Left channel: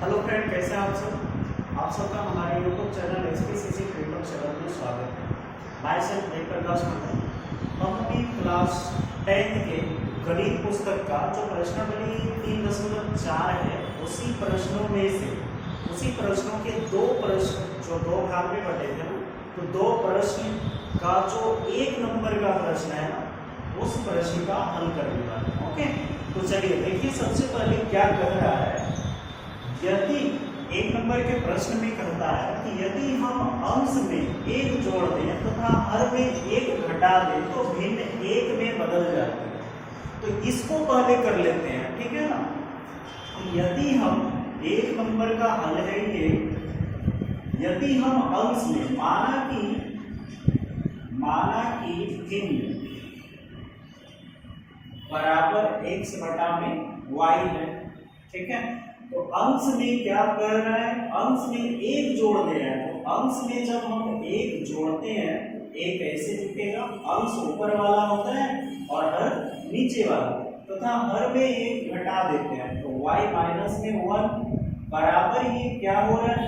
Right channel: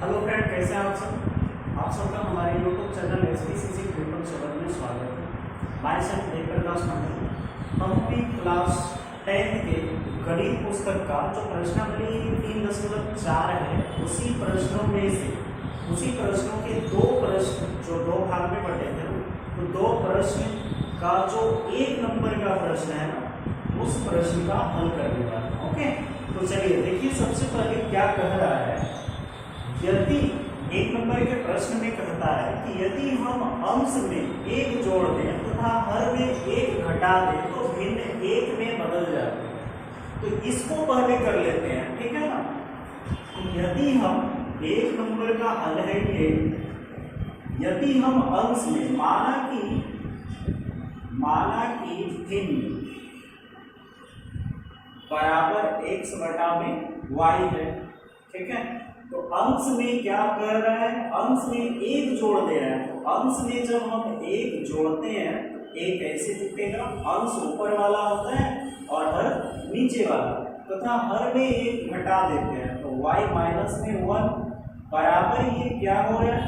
Hello friend, कैसे हैं आप सब। आप सबका हमारे यूट्यूब चैनल SPCC ट्रिपल 7 में स्वागत है। मैं सेल्फ जयप्रकाश मंडल। हम अपनी क्लास 10th के गणित पुस्तक का जो प्रश्नावली 3.4 है उसी प्रश्नों के दो प्रश्न जो दो भाग में बटे थे ना, तो दो प्रश्न का जो 1 नंबर का प्रश्न है ना, उस प्रश्न का हल करने वाला है। ओके, तो चलिए देखिए, सबसे पहले क्या कह रहा है। यदि 1 नंबर के प्रश्न में कहता है कि यदि हम अंश में 1 जोड़ दें तथा हर में 1 घटा दें तो भिन्न 1 में बदल जाते हैं। तो इसको पहले कर लेते हैं, ठीक है ना। यदि हम 1 नंबर का हल है ये, यदि हम अंश में माना कि भिन्न बराबर x बटा में y है, ठीक है। तो अंश में क्या कर रहा है, अंश में 1 जोड़ दे रहा है। तो अंश में जब हम 1 जोड़ते हैं तो 1 ऐसे लिखेगा, अंश ऊपर वाला होता है और हर नीचे वाला, तथा हर में 1 घटा देते हैं तो y माइनस में 1 बराबर ये क्या हो रहा है,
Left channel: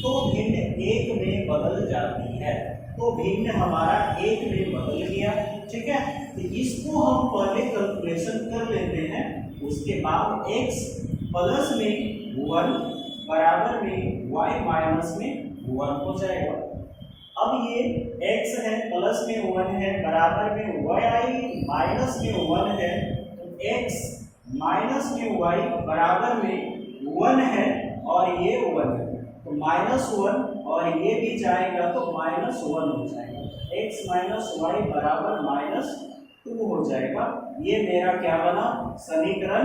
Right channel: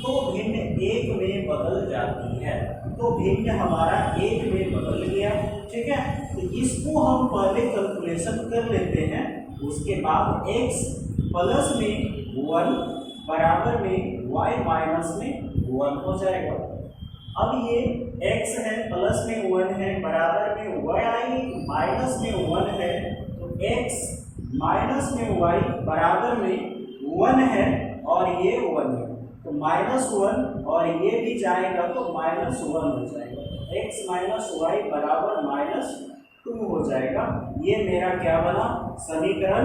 तो भिन्न 1 में बदल जाती है। तो भिन्न हमारा 1 में बदल गया, ठीक है। तो इसको हम पहले कैलकुलेशन कर लेते हैं, उसके बाद x प्लस में 1 बराबर में y माइनस में 1 हो जाएगा। अब ये x है, प्लस में 1 है, बराबर में y माइनस में 1 है, तो x माइनस में y बराबर में 1 है और ये 1 है, तो -1 और ये भी जाएगा तो -1 हो जाएगा। x माइनस वाई बराबर -2 हो जाएगा। ये मेरा क्या बना, समीकरण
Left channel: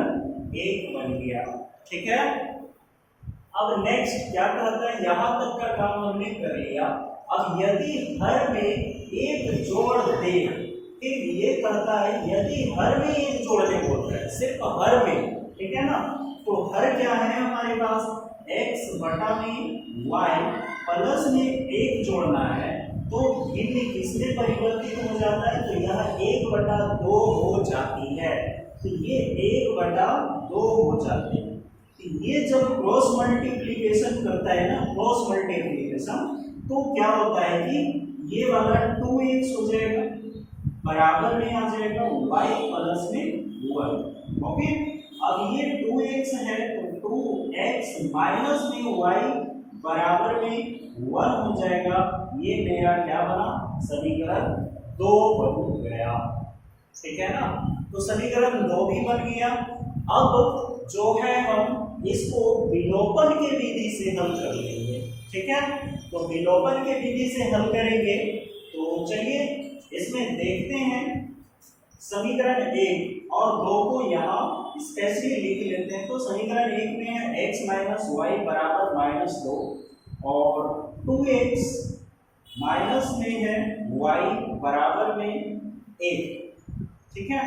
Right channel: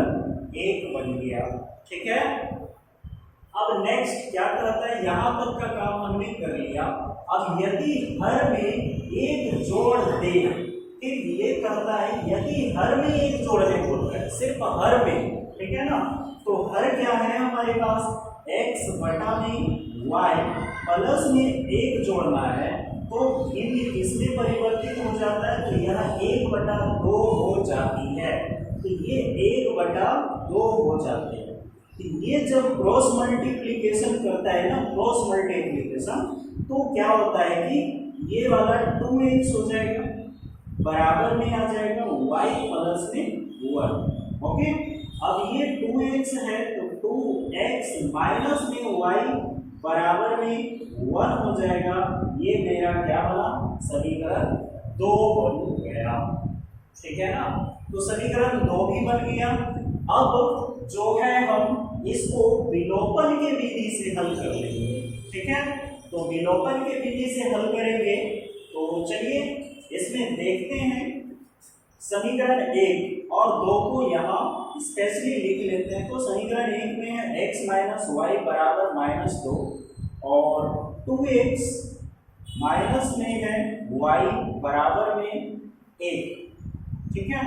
1 बन गया, ठीक है। अब नेक्स्ट क्या कहता है, यहां तक का काम हमने कर लिया। अब यदि हर में 1 जोड़ दे, फिर ये कहता है यदि हर में 1 जोड़ने बोल रहा है, सिर्फ हर में, ठीक है ना। तो हर क्या है हमारे पास, x बटा में y प्लस में 1 जोड़ना है, तो भिन्न किसमें परिवर्तित हो जाता है, तो यह 1/2 हो जाती है। तो ये 1/2 हो जाते हैं। तो ये जब क्रॉस मल्टीप्लिकेशन करता है ना, क्रॉस मल्टीप्लिकेशन, तो क्या होता है कि ये वाला 2x हो जाएगा, बराबर में आ जाएगा y प्लस में 1। ओके, अब ये 2x है तो 2x माइनस में y बराबर में 1 हो जाएगा। ये मेरा क्या बना, समीकरण 2 बन गया, ठीक है ना। तो समीकरण 2 भी बन गया। अब जो है हम इसको विलोपन के विधि से हल कर लेंगे, ठीक है। तो विलोपन के विधि से हल करेंगे, तो चलिए इसमें देखते हैं। समीकरण 1 और 2 को यहाँ स्पेशली लिख लेते हैं। तो समीकरण 1 में है x माइनस वाई बराबर -2 और 2x माइनस में है y बराबर में 1, ठीक है।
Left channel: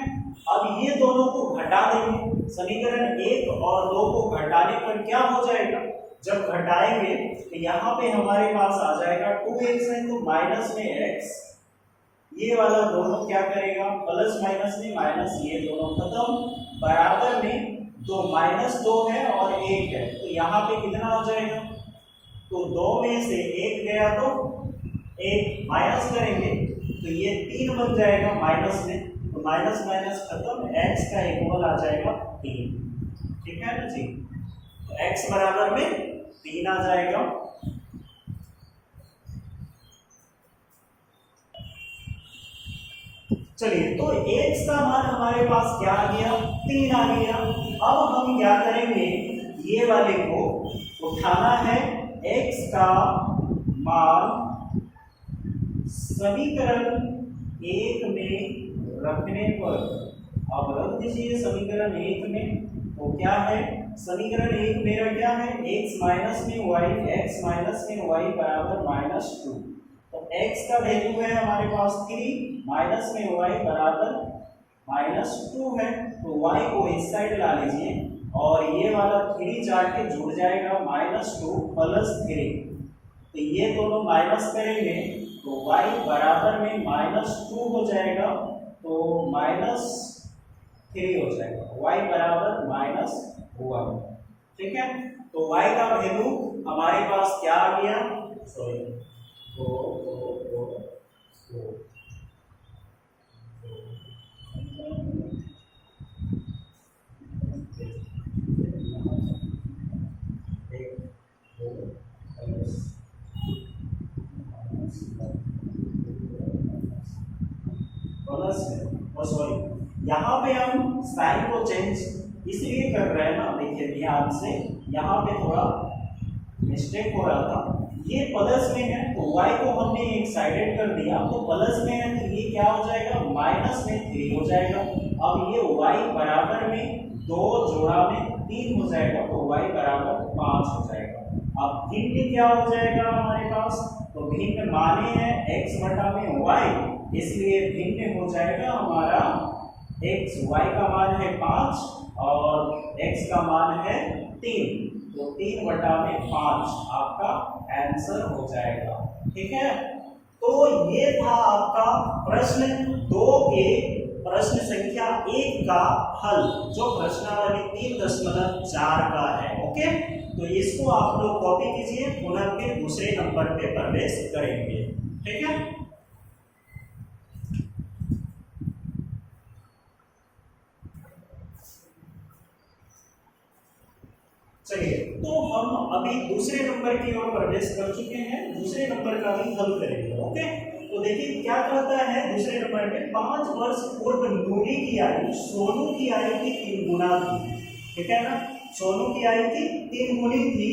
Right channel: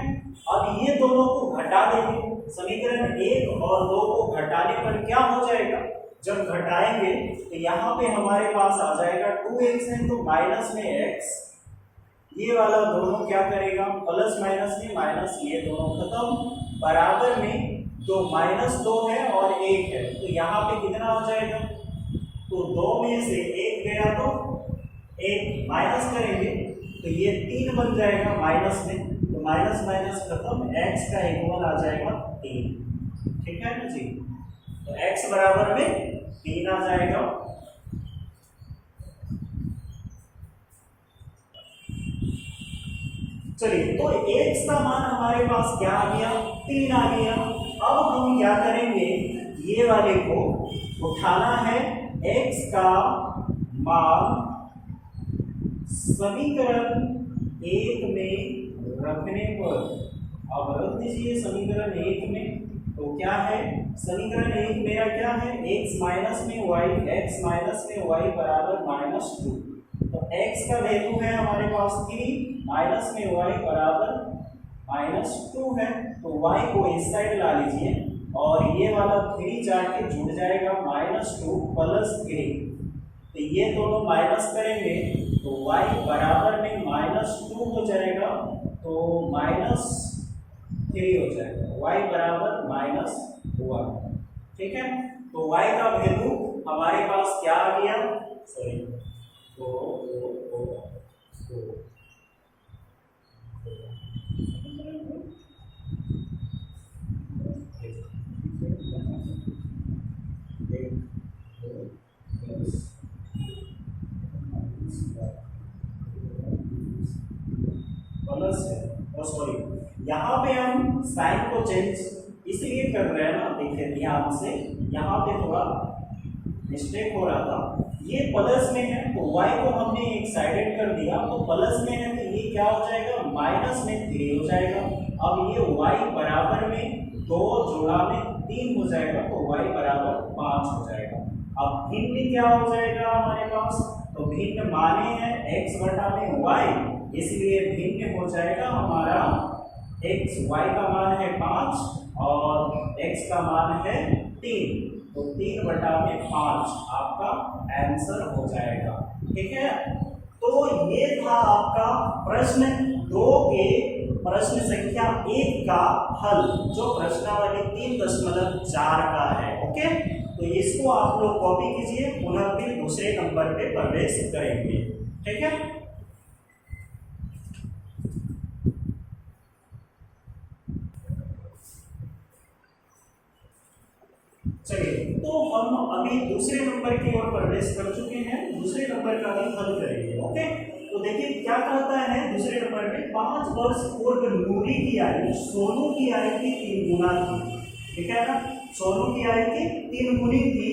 अब ये दोनों को घटा देंगे। समीकरण 1 और 2 को घटाने पर क्या हो जाएगा, जब घटाएंगे तो यहाँ पे हमारे पास आ जाएगा 2x है तो माइनस में x, ये वाला दोनों क्या करेगा, प्लस माइनस में माइनस, ये दोनों खत्म, बराबर में तो -2 है और 1 है, तो यहाँ पे कितना हो जाएगा, तो 2 में से 1 गया तो 1 माइनस करेंगे तो ये 3 बन जाएगा माइनस में, तो माइनस माइनस खत्म, x का इक्वल आ जाएगा 3, ठीक है ना जी। तो x बराबर में 3 आ जाएगा। चलिए, तो x का मान हमारे पास क्या आ गया, 3 आ गया। अब हम क्या करेंगे, ये वाले को उठाना है, x का मान समीकरण 1 में रखने पर, अब रख दीजिए समीकरण 1 में। तो क्या है, समीकरण 1 मेरा क्या है, x माइनस में y बराबर -2। तो x का वैल्यू है हमारे पास 3, माइनस में y बराबर -2 है, तो y को इस साइड ला लीजिए और ये वाला 3 जाके जुड़ जाएगा, -2 प्लस 3, तो ये दोनों माइनस करेंगे तो y बराबर में -2 हो जाएगा, तो -3 हो जाएगा, y बराबर -1, ठीक है। तो y का वैल्यू हमारे पास क्या आ गया, सॉरी प्लस है, और सॉरी यहाँ पे हम साइन को चेंज इसलिए कर रहे हैं ना, देखिए ध्यान से यहाँ पे थोड़ा मिस्टेक हो रहा था, ये प्लस में है तो y को हमने एक साइडेड कर दिया, तो प्लस में है तो ये क्या हो जाएगा, माइनस में 3 हो जाएगा। अब ये y बराबर में 2 जोड़ा में 3 हो जाएगा, तो y बराबर 5 हो जाएगा। अब भिन्न क्या हो जाएगा हमारे पास, तो भिन्न माने हैं x बटा में y, इसलिए भिन्न हो जाएगा हमारा x, y का मान है 5 और x का मान है 3, तो 3 बटा में 5 आपका आंसर हो जाएगा। ठीक है, तो ये था आपका प्रश्न 2 के प्रश्न संख्या 1 का हल, जो प्रश्नावली 3.4 का है। ओके, तो इसको आप लोग कॉपी कीजिए, पुनः फिर दूसरे नंबर पे प्रवेश करेंगे। ठीक है, चलिए, तो हम अभी दूसरे नंबर की ओर प्रवेश कर चुके हैं, दूसरे नंबर का भी हल करेंगे। ओके, तो देखिए क्या कहता है दूसरे नंबर में, 5 वर्ष पूर्व नूरी की आयु सोनू की आयु की 3 गुना थी। ठीक है ना, सोनू की आयु की 3 गुनी थी।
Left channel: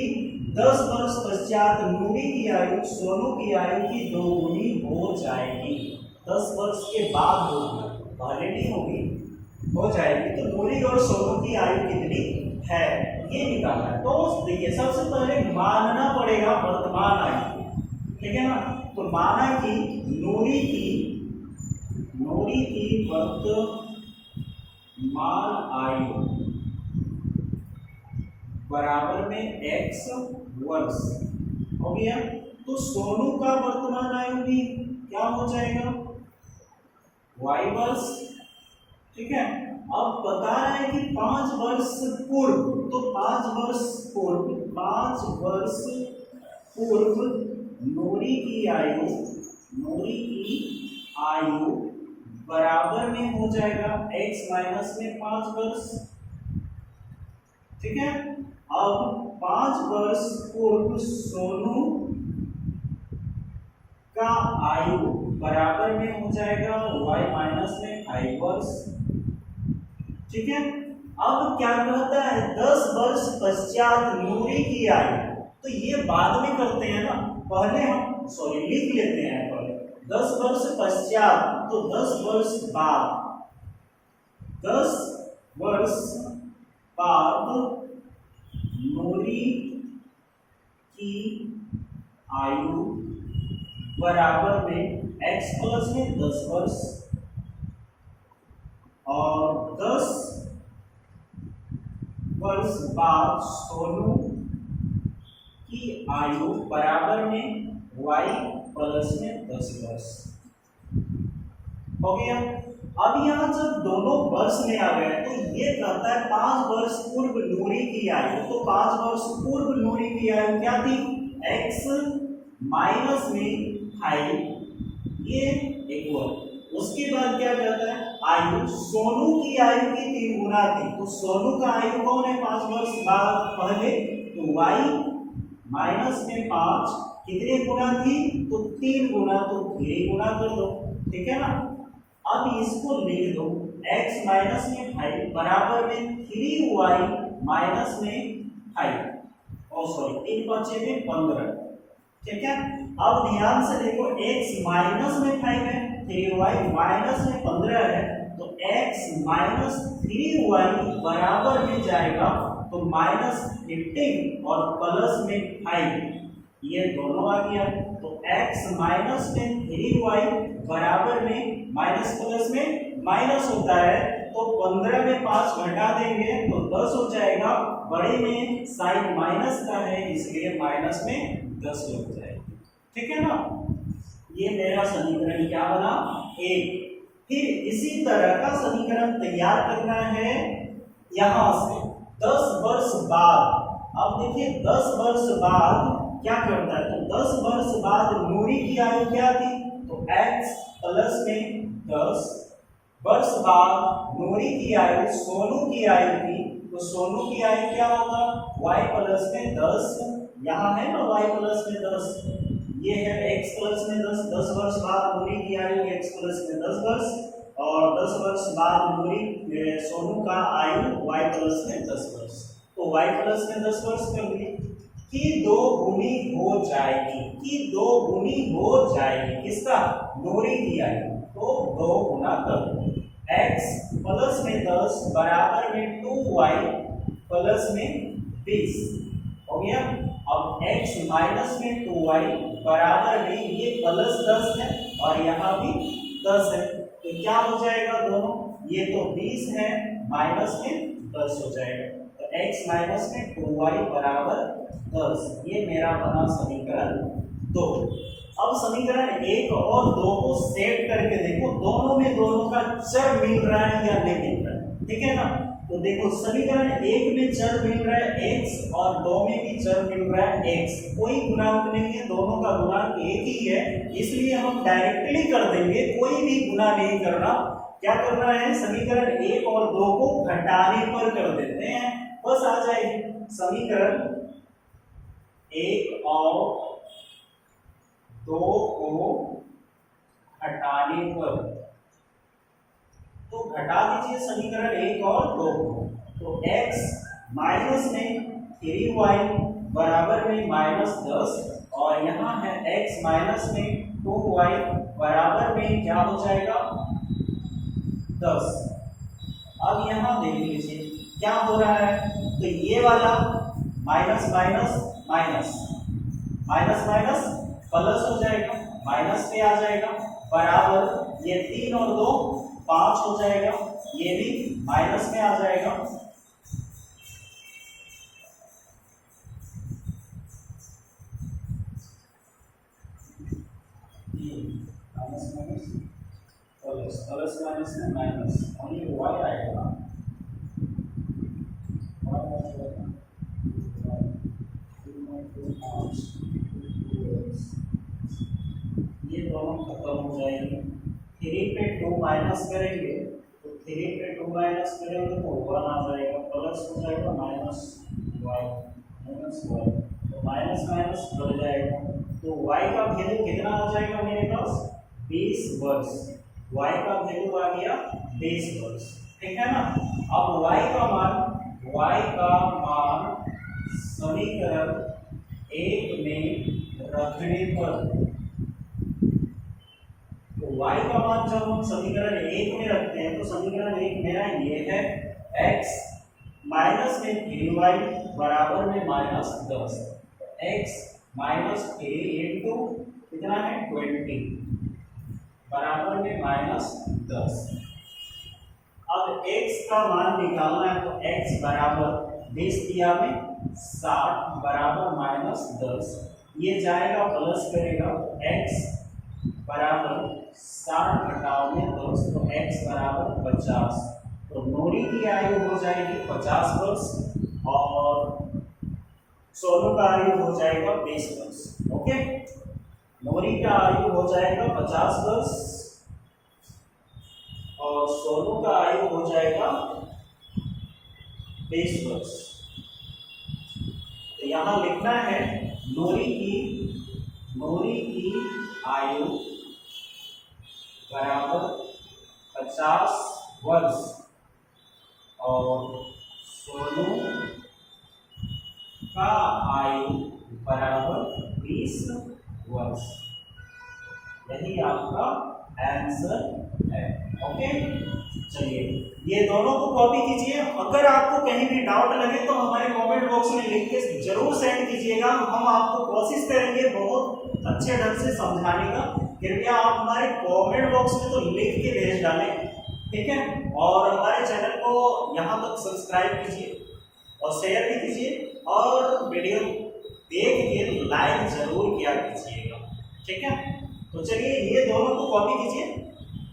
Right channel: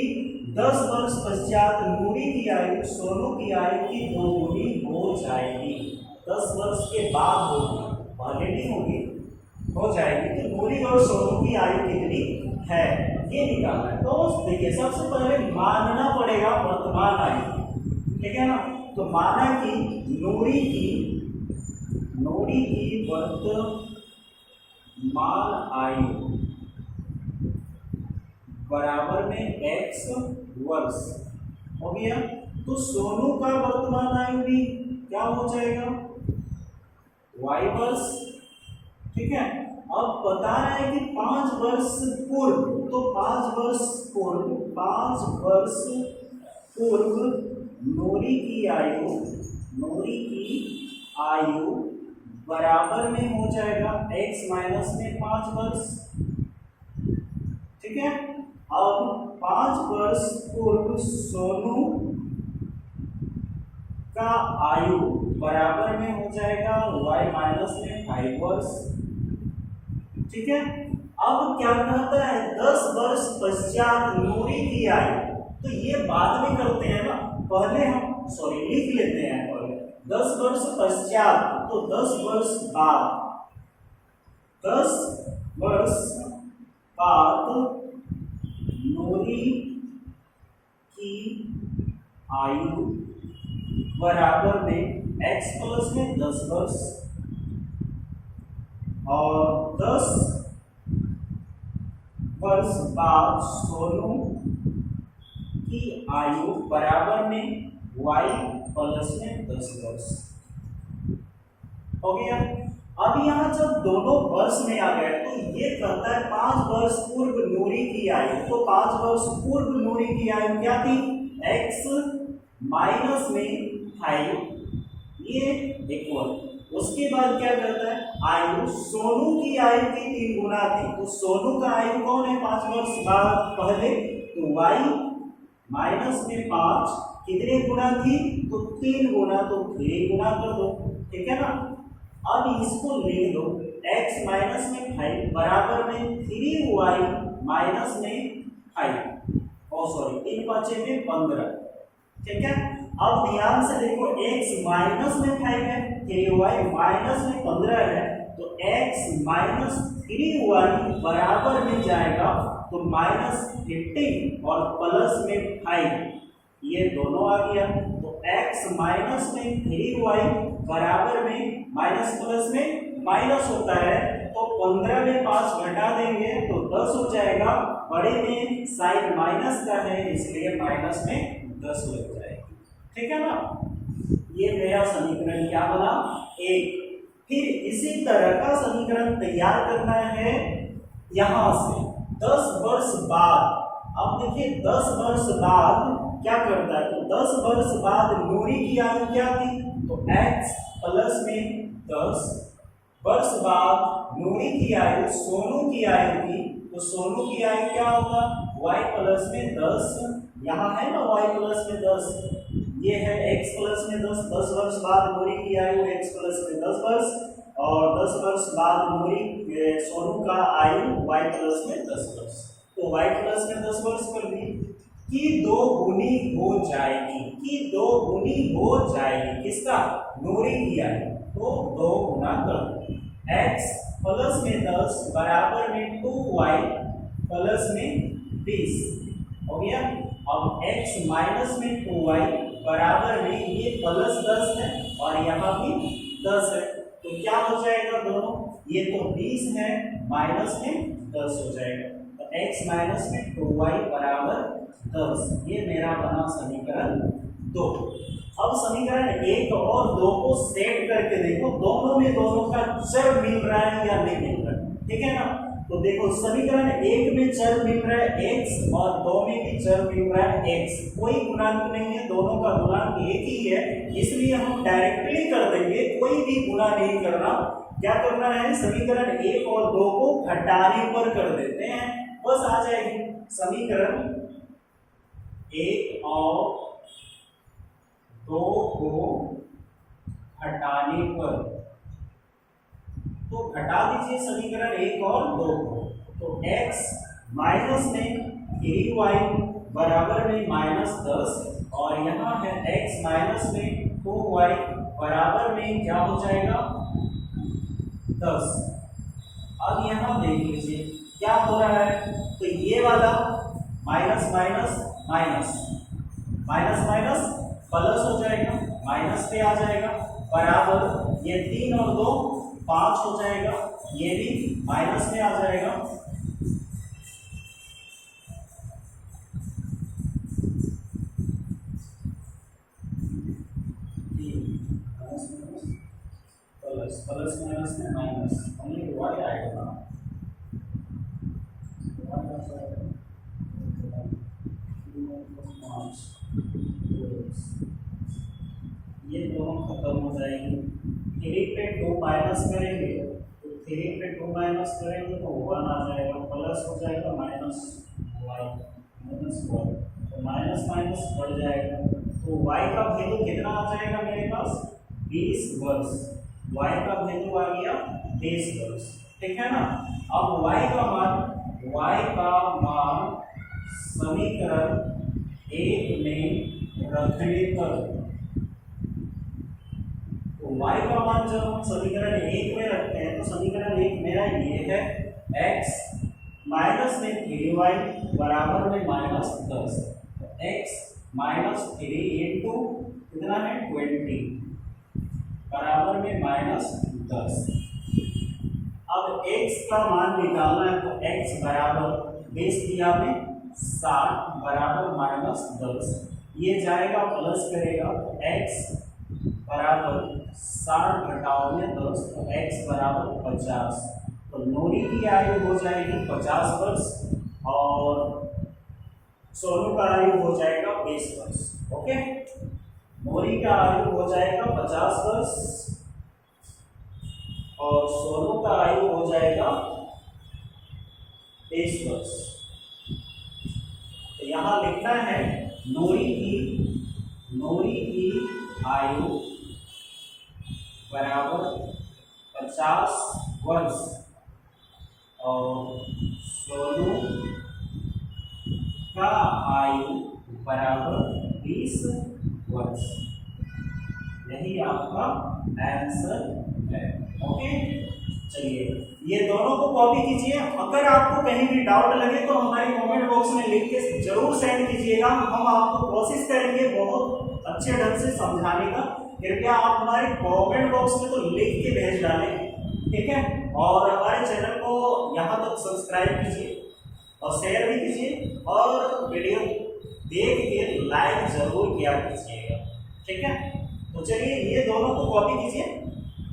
10 वर्ष पश्चात नूरी की आयु सोनू की आयु की 2 गुनी हो जाएगी। 10 वर्ष के बाद होगी, पहले नहीं होगी, हो जाएगी। तो नूरी और सोनू की आयु कितनी है ये निकालना है। तो देखिए सबसे पहले मानना पड़ेगा वर्तमान आयु, ठीक है ना, तो माना कि नूरी की वर्तमान आयु बराबर में x वर्ष हो गया, तो सोनू का वर्तमान आयु भी क्या हो जाएगा, y वर्ष। ठीक है, अब बता रहा है कि 5 वर्ष पूर्व, तो 5 वर्ष पूर्व नूरी की आयु बराबर में हो जाएगा x माइनस में 5 वर्ष। ठीक है, अब 5 वर्ष पूर्व सोनू का आयु बराबर में हो जाएगा y माइनस में 5 वर्ष। ठीक है, अब क्या कहता है 10 वर्ष पश्चात नूरी की आयु, तो ये बाद में करते हैं ना, पहले हम लिख लेते हैं पहले 10 वर्ष पश्चात, तो 10 वर्ष बाद, 10 वर्ष बाद नूरी की आयु बराबर में x प्लस में 10 वर्ष, और 10 वर्ष बाद सोनू की आयु बराबर में y प्लस में 10 वर्ष हो गया। अब यहाँ जब दोनों वर्ष में आ गए तो ये कहता है 5 वर्ष पूर्व नूरी की आयु, तो 5 वर्ष पूर्व नूरी की आयु क्या थी, x माइनस में 5, ये इक्वल। उसके बाद क्या कहता है आयु सोनू की आयु की 3 गुना थी, तो सोनू का आयु कौन है 5 वर्ष बाद पहले, तो y माइनस में 5 कितने गुना थी, तो 3 गुना, तो 3 गुना कर दो। ठीक है ना, अब इसको लिख दो x माइनस में 5 बराबर में 3y माइनस में 5, और सॉरी 3 बचे में 15। ठीक है, अब ध्यान से देखो x माइनस में 5 है, 3y माइनस में 15 है, तो x माइनस 3y बराबर में जाएगा तो माइनस 15 और प्लस में 5, ये दोनों आ गया। तो x माइनस में 3y बराबर में माइनस प्लस में माइनस होता है, तो 15 में 5 घटा देंगे तो 10 हो जाएगा, बड़े में साइन माइनस का है इसलिए माइनस में 10 लग जाएगी। ठीक है ना, ये मेरा समीकरण क्या बना, 1। फिर इसी तरह का समीकरण तैयार करना है यहां से 10 वर्ष बाद, अब देखिए 10 वर्ष बाद क्या करता है, तो 10 वर्ष बाद नूरी की आयु क्या थी, तो x प्लस में 10 वर्ष बाद नूरी की आयु सोनू की आयु थी, तो सोनू की आयु क्या होगा, y प्लस में 10, यहाँ है ना y प्लस में 10, ये है x प्लस में 10, 10 वर्ष बाद नूरी की आयु x प्लस में 10 वर्ष, और 10 वर्ष बाद नूरी सोनू का आयु y प्लस में 10 वर्ष, तो y प्लस में 10 वर्ष कर दिए कि 2 गुनी हो जाएगी, कि 2 गुनी हो जाएगी किसका, नूरी की आयु, तो 2 गुना कर दो, x प्लस में 10 बराबर में 2y प्लस में 20 हो गया। अब x माइनस में 2y बराबर में ये प्लस 10 है और यहाँ भी 10 है, तो क्या हो जाएगा दोनों, ये तो 20 है माइनस में 10 हो जाएगा, तो x माइनस में 2y बराबर 10, ये मेरा बना समीकरण 2। अब समीकरण 1 और 2 को सेट करके देखो दोनों में दोनों का चर मिल रहा है या नहीं मिल रहा है, ठीक है ना। तो देखो समीकरण 1 में चर मिल रहा है x और 2 में भी चर मिल रहा है x, कोई गुणांक नहीं है, दोनों का गुणांक एक ही है, इसलिए हम डायरेक्टली कर देंगे, कोई भी गुणा नहीं करना। क्या करना है, समीकरण 1 और 2 को घटाने पर कर देते हैं, बस आ जाएगी समीकरण 1 और 2 को हटाने पर, तो घटा दीजिए समीकरण 1 और 2 को, तो x माइनस में 3y बराबर में -10 और यहाँ है x माइनस में 2y बराबर में क्या हो जाएगा 10। अब यहाँ देख लीजिए क्या हो रहा है, तो ये वाला minus minus minus minus minus plus हो जाएगा, माइनस पे आ जाएगा, बराबर ये 3 और 2 5 हो जाएगा, ये भी माइनस में आ जाएगा, प्लस प्लस माइनस में माइनस, ओनली y आएगा, y आ जाएगा 5, ये दोनों खत्म हो जाएंगे, 3 पे 2 माइनस करेंगे, तो 3 पे 2 माइनस करेंगे तो 1 आ जाएगा, प्लस हो जाएगा माइनस y, तो माइनस माइनस बढ़ जाएगा, तो y का वैल्यू कितना आ जाएगा मेरे पास 20 वर्ष, y का वैल्यू आ गया 20 वर्ष, ठीक है ना। अब y का मान समीकरण 1 में रखने पर, तो y का मान जब हम समीकरण 1 में रखते हैं तो समीकरण 1 मेरा ये है x माइनस में 3y बराबर में -10, तो x माइनस 3 इंटू कितना है 20 बराबर में -10। अब x का मान निकालना है, तो x बराबर 20 दिया में 60 बराबर -10, ये जाएगा प्लस करेगा, तो x बराबर 60 घटाओ में 10, तो x बराबर 50, तो नूरी की आयु हो जाएगी 50 वर्ष और सोनू का आयु हो जाएगा 20 वर्ष, ओके। नूरी का आयु हो जाएगा 50 वर्ष और सोनू का आयु हो जाएगा 20 वर्ष। तो यहाँ लिखना है नूरी की आयु बराबर 50 वर्ष और सोनू का आयु बराबर 20 वर्ष, यही आपका आंसर है, ओके। चलिए ये दोनों को कॉपी कीजिए, अगर आपको कहीं भी डाउट लगे तो हमारे कमेंट बॉक्स में लिख के जरूर सेंड कीजिएगा, हम आपको कोशिश करेंगे बहुत अच्छे ढंग से समझाने का। कृपया आप हमारे कमेंट बॉक्स में तो लिख के भेज डालें, ठीक है। और हमारे चैनल को यहाँ तक सब्सक्राइब कीजिए और शेयर भी कीजिए और वीडियो देख के लाइक जरूर किया कीजिएगा, ठीक है। तो चलिए ये दोनों को कॉपी कीजिए,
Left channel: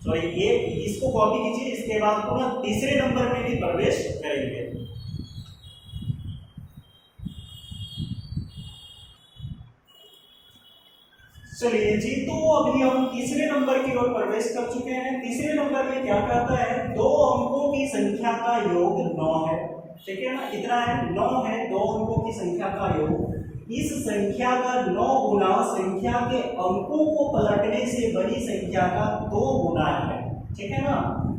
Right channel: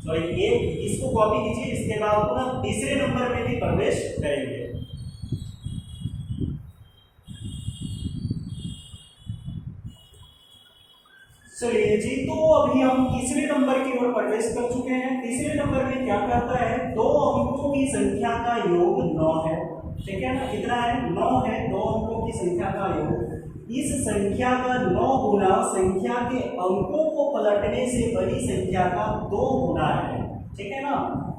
सॉरी ये इसको कॉपी कीजिए, इसके बाद पुनः तीसरे नंबर में भी प्रवेश करेंगे। चलिए जी, तो अभी हम तीसरे नंबर की ओर प्रवेश कर चुके हैं। तीसरे नंबर में क्या कहता है, दो अंकों की संख्या का योग 9 है। ठीक है ना, कितना है, 9 है। दो अंकों की संख्या का योग, इस संख्या का 9 गुना संख्या के अंकों को पलटने से बड़ी संख्या का 2 गुना है। ठीक है ना,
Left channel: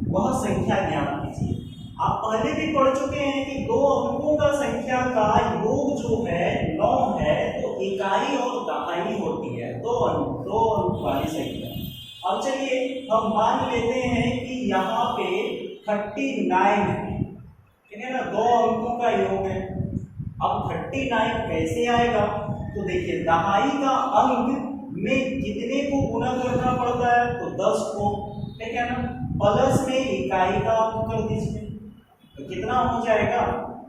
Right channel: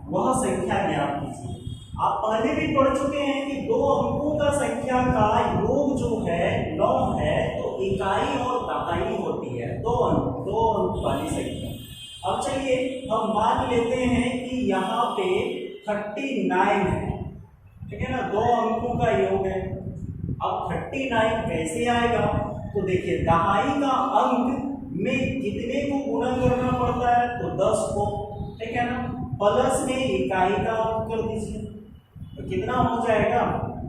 वह संख्या ज्ञात कीजिए। आप पहले भी पढ़ चुके हैं कि दो अंकों का संख्या का योग जो है 9 है, तो इकाई और दहाई होती है दो अंक वाली संख्या। अब चलिए हम मान लेते हैं कि यहाँ पे 39 है। ठीक है ना, दो अंकों का योग है। अब 39 कैसे आएगा, तो देखिए दहाई का अंक में कितने को गुना करना पड़ता है, तो 10 को। ठीक है ना, प्लस में इकाई का अंक कर दीजिए, तो कितना हो जाएगा,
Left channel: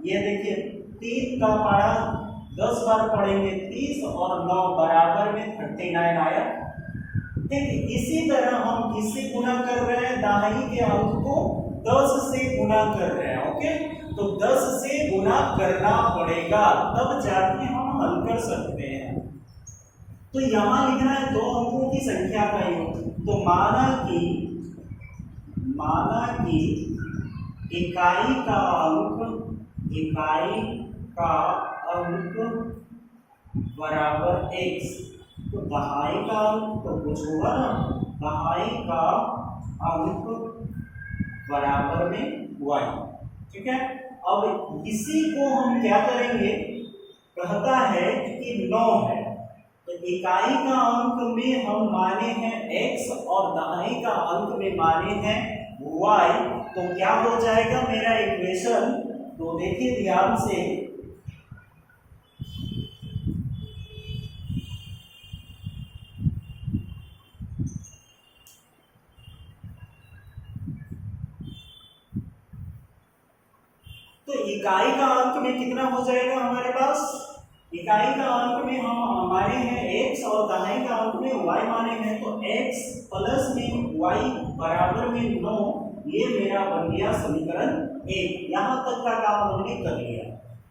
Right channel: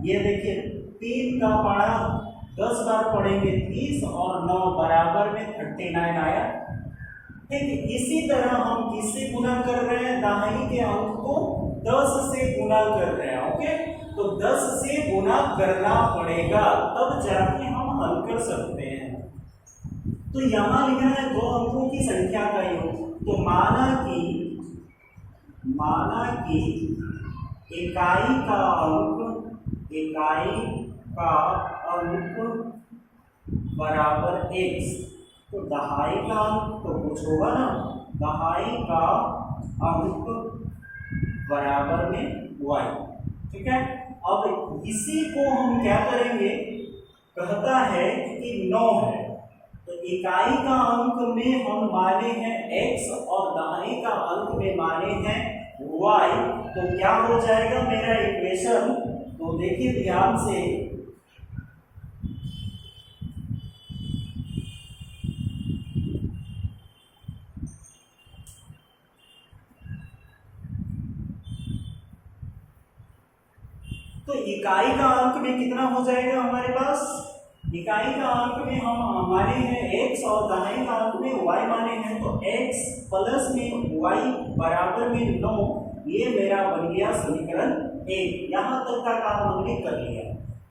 ये देखिए 3 का पढ़ा 10 बार पढ़ेंगे 30 और 9 बराबर में 39 आया। ठीक, इसी तरह हम किससे गुना कर रहे हैं, दहाई के अंक को 10 से गुना कर रहे हैं। ओके, तो 10 से गुना करना पड़ेगा, तब जाके हम हल कर सकते हैं। तो यहां लिखना है दो अंकों की संख्या का योग। तो माना कि इकाई का अंक बराबर x, तो दहाई का अंक तो कुछ होगा ना, दहाई का अंक बराबर में y। ठीक है, अब इसी को हम क्या करेंगे, कहता है कि 9 है, तो इकाई का अंक में हम माने हैं x और दहाई का अंक में माने हैं y, तो क्या हो जाएगा मेरा इक्वेशन, तो देखिए ध्यान से, तो इकाई का अंक में कितना हो जाएगा हमारे पास, इकाई का अंक में हम माने हैं x और दहाई का अंक में y माने हैं, तो x प्लस में y बराबर में 9, ये मेरा बन गया समीकरण 1। यहां तक का काम हमने कर लिया।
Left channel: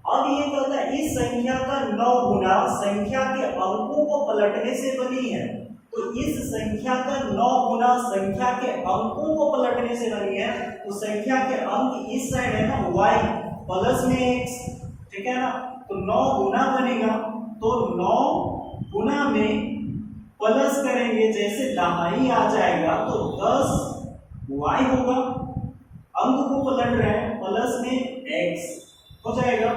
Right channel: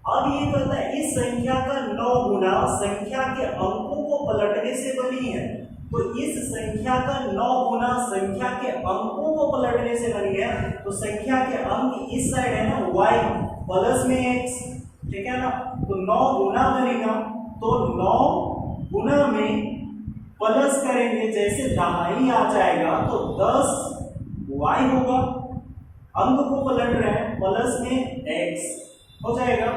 अब ये कहता है इस संख्या का 9 गुना संख्या के अंकों को पलटने से बनी है, तो इस संख्या का 9 गुना संख्या के अंकों को पलटने से बनी है, तो संख्या के अंक इस साइड है ना y प्लस में x। ठीक है ना, तो 9 गुना बनेगा, तो 9 गुना में प्लस करेंगे, जैसे दहाई आ जाएगा तो 10 y होगा, अंक को पलट रहे हैं, प्लस में x हो जाएगा,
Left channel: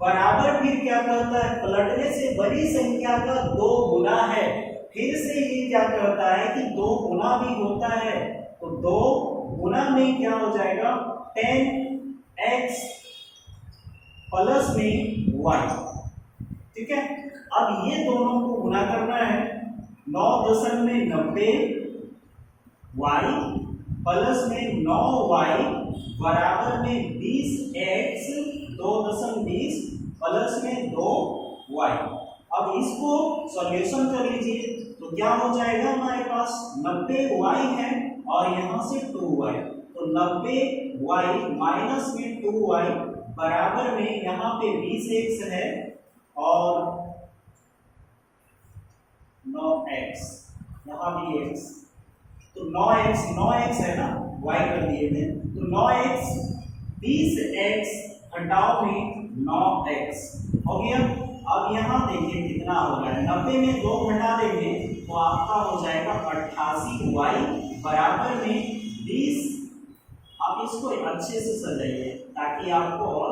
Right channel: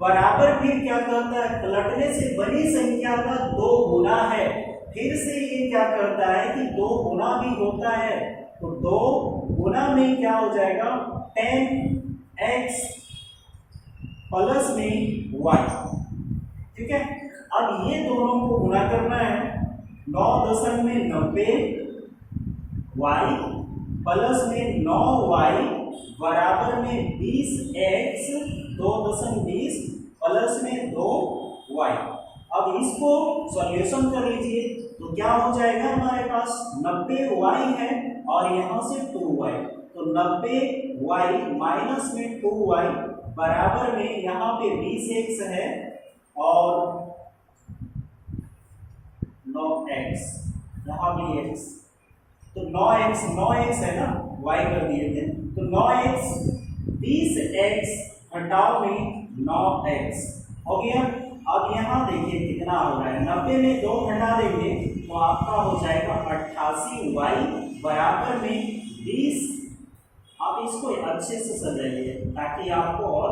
बराबर फिर क्या कहता है, पलटने से बड़ी संख्या का 2 गुना है। फिर से ये क्या कहता है कि 2 गुना भी होता है, तो 2 गुना में क्या हो जाएगा, 10x प्लस में y। ठीक है, अब ये दोनों को गुना करना है, 9.90 y प्लस में 9y बराबर में 20x 2.20 प्लस में 2y। अब इसको सॉल्यूशन कर लीजिए, तो क्या हो जाएगा हमारे पास, 90y है और यहां से 2y, तो 90y माइनस में 2y बराबर में यहाँ पे 20x है और 9x, यहाँ भी x, तो 9x है ना, y कर दिए थे, तो 9x 20x घटाओ में 9x हो गया। अब यहाँ देखिए कितना हो रहा है, 90 में 2 घटा देंगे तो आपका हो जाएगा 88y बराबर में 20। आप इसको अच्छे से सजाइए ताकि आपको और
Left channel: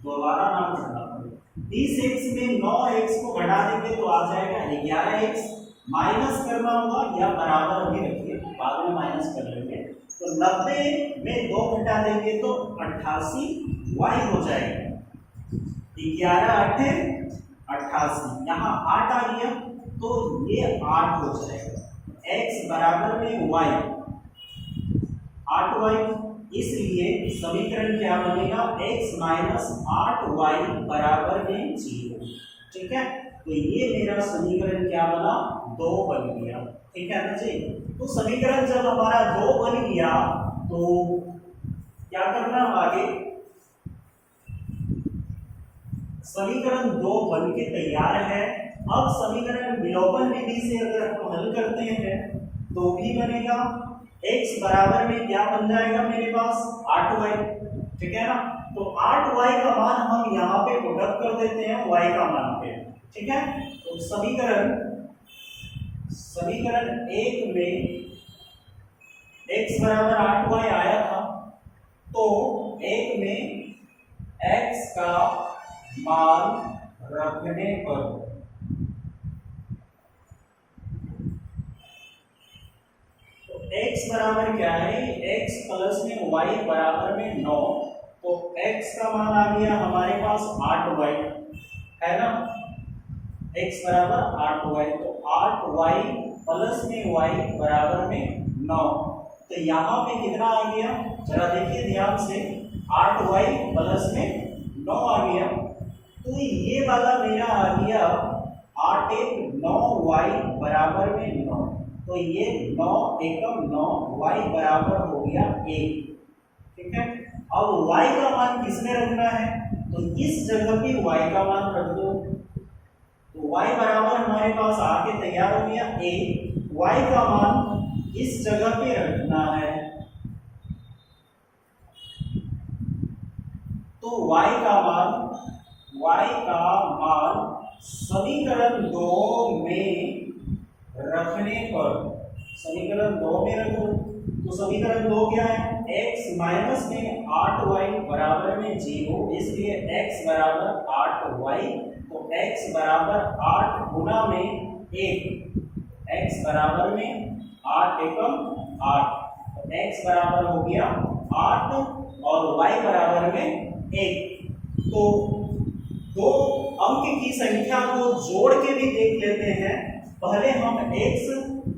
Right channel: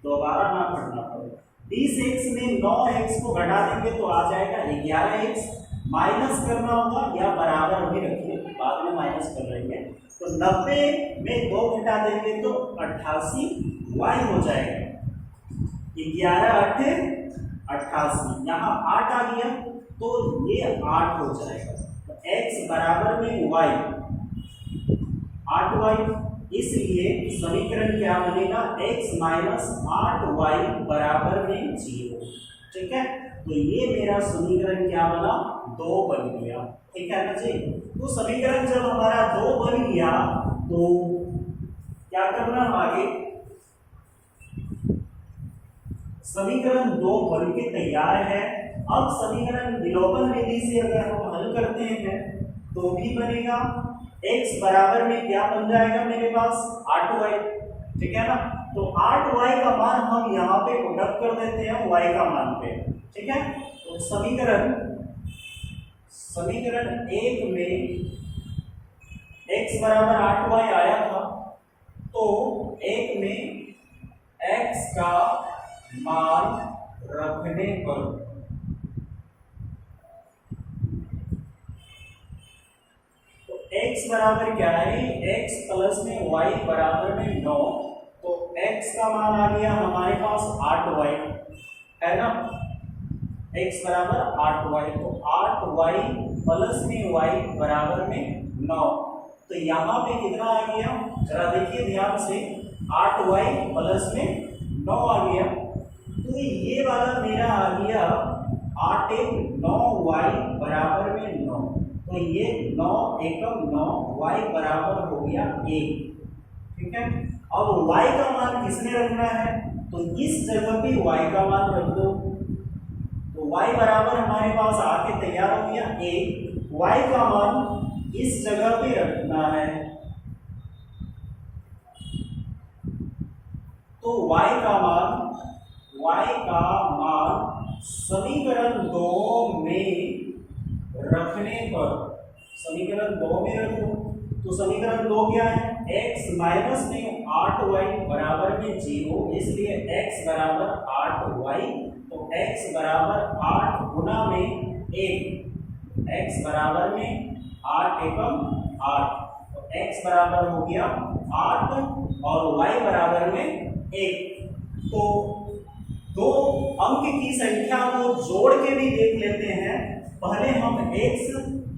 दोबारा ना पढ़ना पड़े। 20x में 9x को घटा देंगे तो आ जाएगा 11x, माइनस करना होगा या बराबर अभी रखिए, बाद में माइनस कर लेंगे, तो 90 में 2 घटा देंगे तो 88y हो जाएगा, 11 8 88, यहाँ 8 आ गया तो ये 8 हो जाएगा, तो x बराबर में y 8y, इसलिए समीकरण क्या बनेगा, x माइनस 8y बराबर में 0। ठीक है, तो ये मेरा समीकरण क्या बना, 2 बन गया। ठीक है ना जी, तो समीकरण जब हमारा 2 बन गया तो क्या करना आगे, समीकरण 2 बन के तैयार है, अब समीकरण विलोपन विधि से अगर हम हल करते हैं तो भी बनेगा x बराबर में क्या बन जाएगा मेरे पास 8y, ठीक है ना। तो 8y का मान हम यहाँ पे पुट अप कर देते हैं y का मान पे, ठीक है। तो समीकरण एक में x बराबर 8y आया था, तो एक में x का मान रखने पर x बराबर क्या है, x प्लस में y बराबर में 9, तो x का मान आ गया हमारे पास 8y, है ना। x बराबर 8y, तो 8y प्लस में y बराबर में 9, तो यहाँ पे कितना आ गया जरा देखिए ध्यान से, 8y प्लस में 9 आ गया, तो ये वाला मेरा आ गया 8 एक 9y बराबर में 9, तो ये 9 एकम 9 y बराबर हो गया 1, ठीक है। अब y का मान किसने रखना है, तो इस जगह पे y का मान रख दो, तो y बराबर हमारे पास आके तैयार हो गया 1, y का मान इस जगह पे रखना है, तो y का मान समीकरण 2 में रखने पर, समीकरण 2 में रख दो, तो समीकरण 2 क्या है, x माइनस में 8y बराबर में 0, इसलिए x बराबर 8y, तो x बराबर 8 गुना में 1, x बराबर में 8 एकम 8, तो x बराबर हो गया 8 और y बराबर में 1। तो दो अंक की संख्या को जोड़ के भी देख लेते हैं। पहले हम x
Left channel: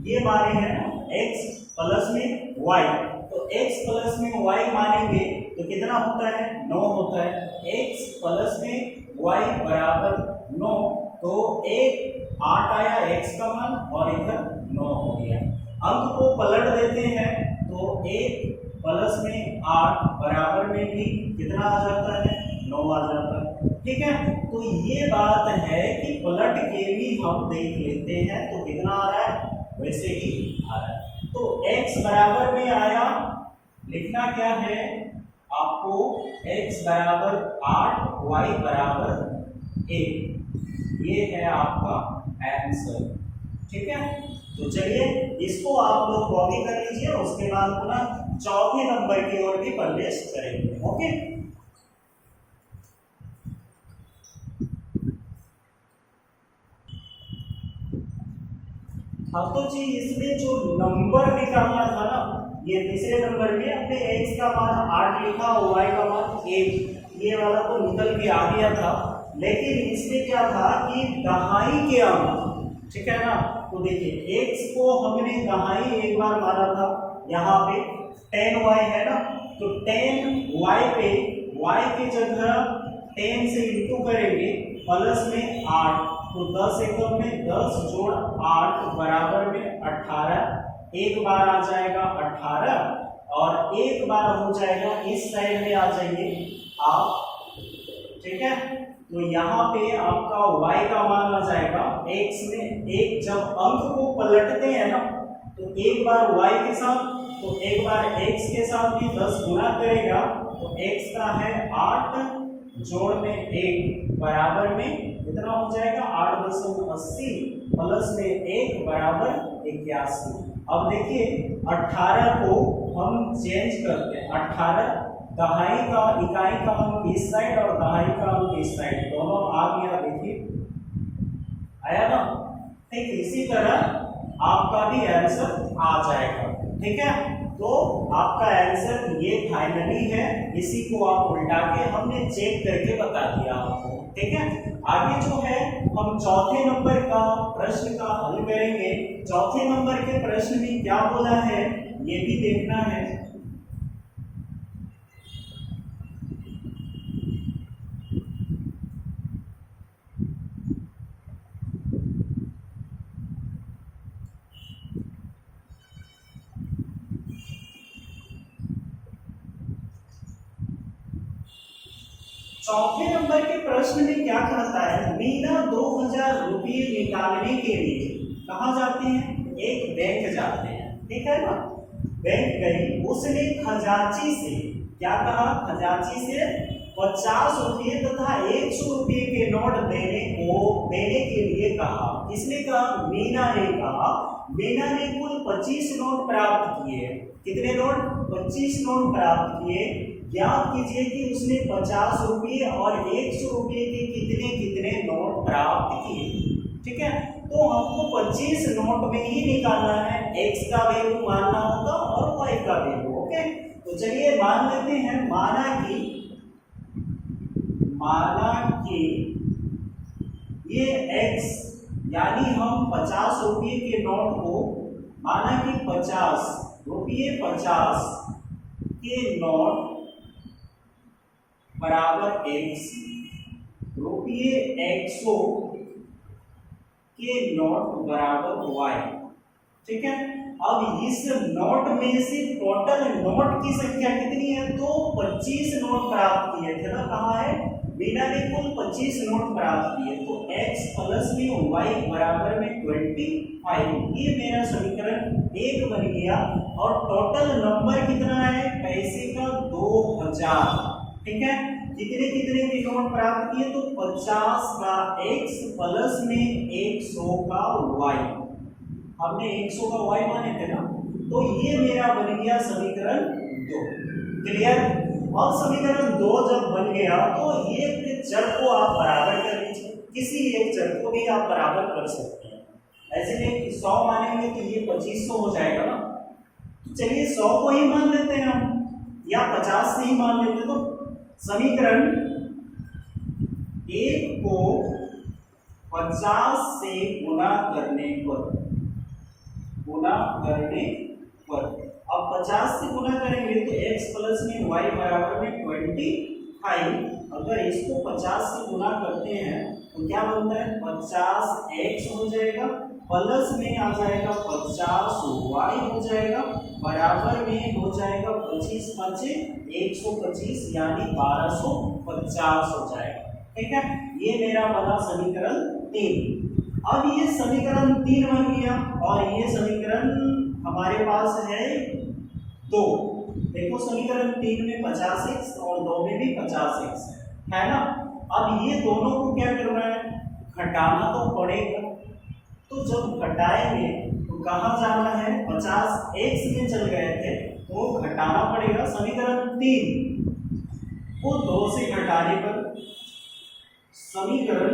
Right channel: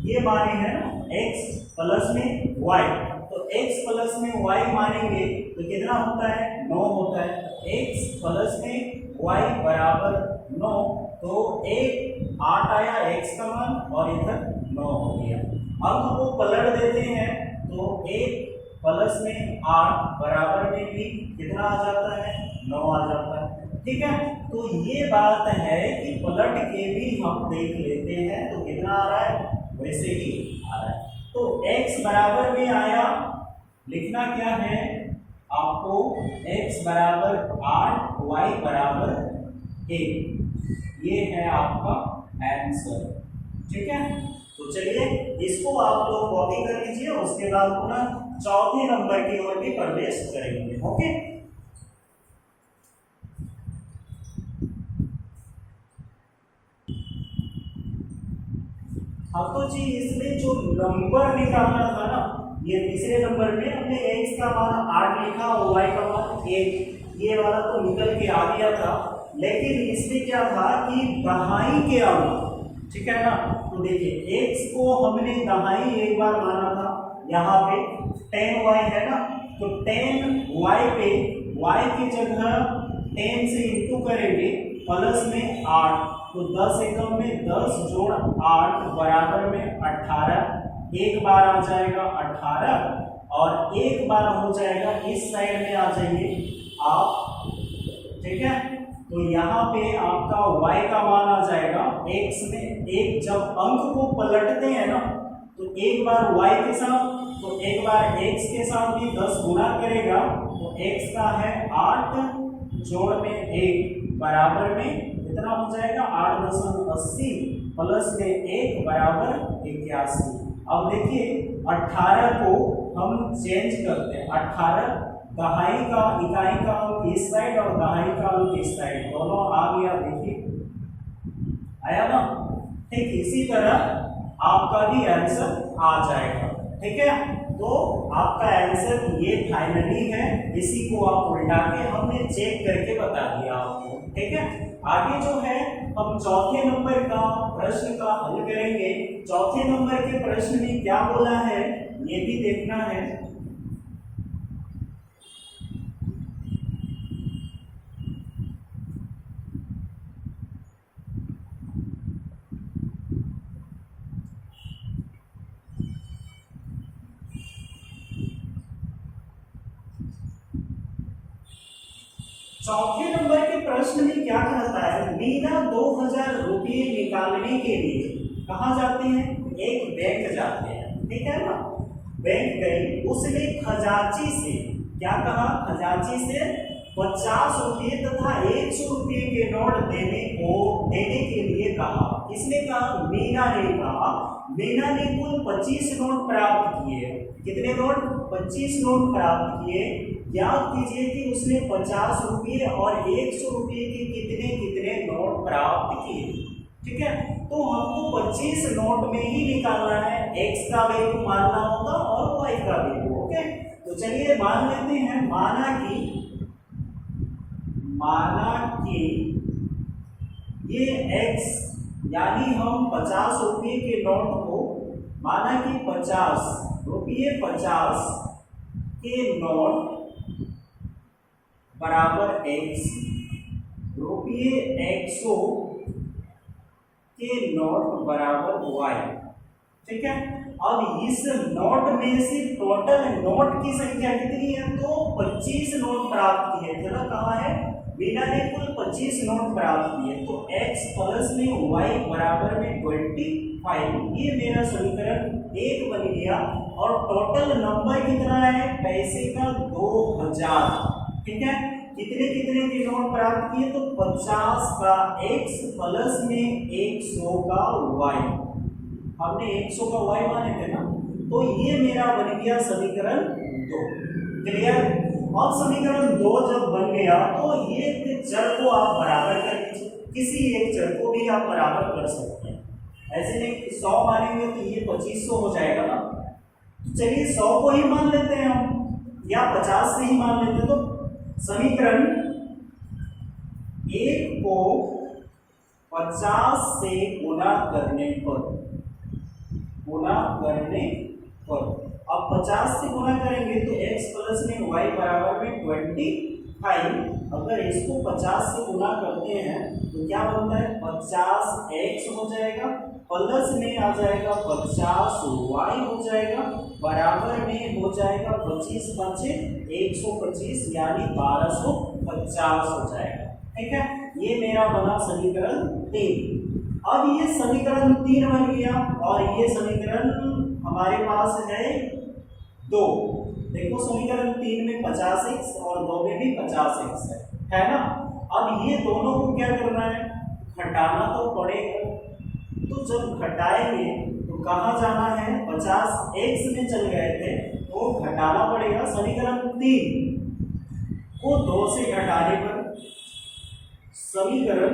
ये माने हैं ना, x प्लस में y, तो x प्लस में y मानेंगे तो कितना होता है, 9 होता है। x प्लस में y बराबर 9, तो 8 आया x का मान और इधर 9 हो गया। अंक को पलट देते हैं तो 1 प्लस में 8 बराबर में भी कितना आ जाता है, 9 आ जाता है, ठीक है। तो ये बात है कि पलट के भी हम देख लेते हैं तो कितना आ रहा है, वैसे ही आ रहा है। तो x बराबर में आया, लिखना क्या है आपको, x बराबर 8 y बराबर 1, ये है आपका आंसर, ठीक है। तो चलिए इसको आप लोग कॉपी कर लीजिए, उसके बाद पुनः चौथे नंबर की ओर भी प्रवेश करेंगे, ओके। अब तो जी इसमें जो नंबर निकालना था ना, ये तीसरे नंबर में हमने x का मान 8 लिखा और y का मान 1, ये वाला तो निकल के आ गया था, लेकिन इसमें क्या था कि दहाई के अंक, ठीक है ना। तो देखिए x को हमने दहाई एक बार माना था, यहाँ पे 10y है ना, तो 10y पे y की जगह 10 से इंटू करेंगे प्लस में 8, तो 10 एकम में 10 जोड़ 8 बराबर में 18, एक बार आ जाएगा 18 और एक बार हो जाएगा इस साइड में आ जाएंगे आप, ठीक है। तो यहाँ पे आपका y का मान आ जाएगा, x में एक जब अंक को पलटते हैं ना तो एक बार y के साथ तो एक बार x के साथ भी 10 गुना करेगा, तो x का है 8 जोड़ में 1 बराबर में कितना हो जाएगा 8.80 प्लस में 1 बराबर 81। अब देखिए 18 को हम चेंज करते हैं, 18 दहाई का इकाई का अंक इस साइड और दहाई का अंक इस साइड, दोनों आ गया, देखिए आया ना। ठीक इसी तरह आपका भी आंसर आ जाएगा, ठीक है। तो आपका आंसर ये फाइनली है, इसी को आप उल्टा के हमने चेक करके बता दिया आपको, ठीक है। आगे जो है हम चौथे नंबर का प्रश्न का हल करेंगे। चौथे नंबर के प्रश्न में क्या बोला है ये भी देखना है। चौथे नंबर के प्रश्न में क्या कहता है, मीना 2000 रुपये निकालने के लिए कहाँ जाते हैं, एक बैंक जाते हैं, ठीक है ना। बैंक गई, उसने खजांची से क्या कहा, खजांची से 50 रुपये तथा 100 रुपये के नोट देने के लिए कहा। किसने कहा, मीना ने कहा। मीना ने कुल 25 नोट प्राप्त किए। कितने नोट, 25 नोट प्राप्त किए। ज्ञात कीजिए कि उसने 50 रुपये और 100 रुपये के कितने कितने नोट प्राप्त किए। ठीक है, तो हमको 25 नोट में ही निकालना है, x का वैल्यू मानना होगा और y का वैल्यू। ओके, तो चलिए मान लेते हैं, माना कि ये x यानी हम 50 रुपये के नोट को, माना कि 50 रुपये 50 के नोट बराबर x, रुपये 100 के नोट बराबर y। ठीक है, अब इस नोट में से टोटल नोट की संख्या कितनी है, तो 25 नोट प्राप्त किए थे ना। कहाँ है, मीना ने कुल 25 नोट प्राप्त किए, तो x प्लस में y बराबर में 25। ये मेरा समीकरण 1 बन गया। और टोटल नंबर कितना है, पैसे का 2000। ठीक है, कितने कितने के नोट प्राप्त किए, तो 50 का x प्लस में 100 का y। हमने 100 का y माने थे ना, तो ये मेरा बन गया समीकरण 2। क्लियर। और समीकरण 2 जब बन गया तो ये चर को आप बराबर कर लीजिए, किसी एक चर को भी आप बराबर कर सकते हैं। ऐसे नहीं 100 मानेंगे तो ये 2500 हो जाएगा ना। तो चलिए 100 को ही मान लेते हैं हम, या 50 से ही मान लेते हैं। तो समीकरण 1 को 50 से गुणा करने पर अब 50 से गुणा करेंगे तो x प्लस में y बराबर में 25। अगर इसको 50 से गुणा करते हैं तो क्या बनता है, 50x हो जाएगा, प्लस में आ जाएगा 50y हो जाएगा, बराबर में हो जाएगा 25 5 125 यानी 1250 हो जाएगा। ठीक है, ये मेरा बना समीकरण 3। अब ये समीकरण 3 बन गया और ये समीकरण हमारे पास है 2। देखो समीकरण 3 में 50x और 2 में भी 50x है ना। अब ये दोनों को क्या करना है, घटाना तो पड़ेगा। तो जब घटाएंगे तो कहाँ जाना है, 50x में चल गए थे तो घटाना पड़ेगा। समीकरण 3 को 2 से घटाने पर, समीकरण